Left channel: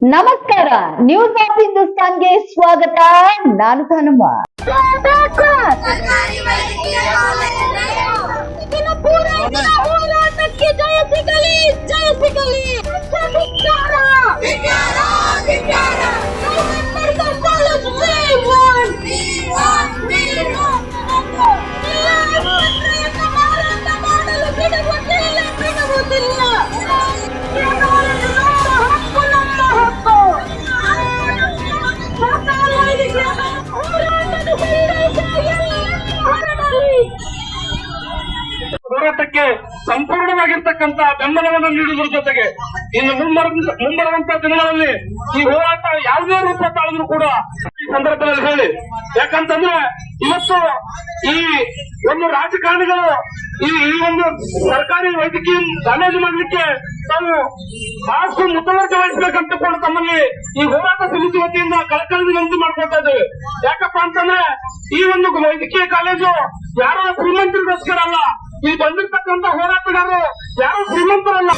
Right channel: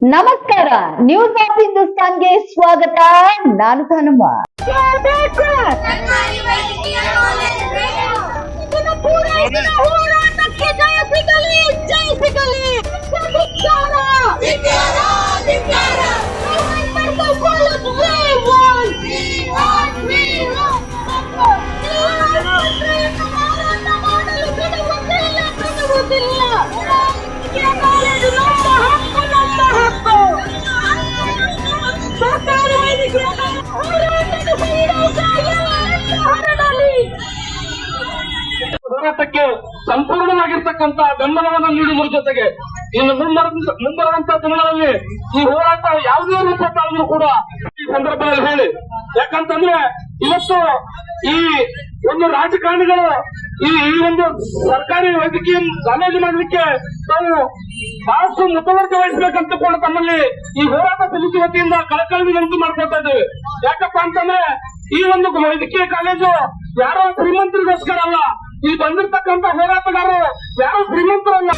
ನಮಸ್ಕಾರ news of ಹಿಂದೂಸ್ತಾನ್ಗೆ ಸ್ವಾಗತ. ನಾನು ಧನುಮ. ಸರ್ಕಾರಿ ಹೋರಾಟಕ್ಕೆ ಸಂಪೂರ್ಣವಾಗಿರ್ತಕ್ಕಂತಹ ಬೆಂಬಲವನ್ನು ನೀಡುವುದರ ಜೊತೆಗೆ ಇನ್ನು ಮುಂಬರ, ಮುಂಬರುವಂತ ದಿನಗಳಲ್ಲಿ ಈ ಹೋರಾಟ ಯಾವುದೇ ರೂಪ ತಾಳಿದ್ರು ಕೂಡ ಈ ಸಂದರ್ಭದಲ್ಲಿ ಹೇಳಿ. ಯಾಕಂತಂದ್ರೆ ಇವತ್ತು ಈ ಒಂದು ರಾಜಕಾರಣಿಗಳು, ಈ ಈ ಒಂದು ಸರ್ಕಾರಿ ವೈದ್ಯಕೀಯ ಕಾಲೇಜು ಮಾಡಲಿಕ್ಕೆ ತಾವು ಬಹಳಷ್ಟು ಮುತುವರ್ಜಿ ವಹಿಸಬೇಕಂತ ಕೂಡ ತಮ್ಮಲ್ಲಿ ಈ ಹೋರಾಟ ಸಮಿತಿ ವತಿಯಿಂದ ಕಳಕಳಿ ವಿನಂತಿ ಮಾಡ್ಕೊಳ್ತಾ ಇದ್ದೇವೆ. ಯಾಕಪ್ಪ ಅಂತಂದ್ರೆ ಈ ಒಂದು ವೈದ್ಯಕೀಯ ಕಾಲೇಜು ಯಾರೋ ಶ್ರೀಮಂತರಿಗೋಸ್ಕರ ಇಲ್ಲಿ ಬಂದಿರ್ತಕ್ಕಂಥ ಹೋರಾಟಗಾರರು ಯಾರು ಶ್ರೀಮಂತರಲ್ಲ?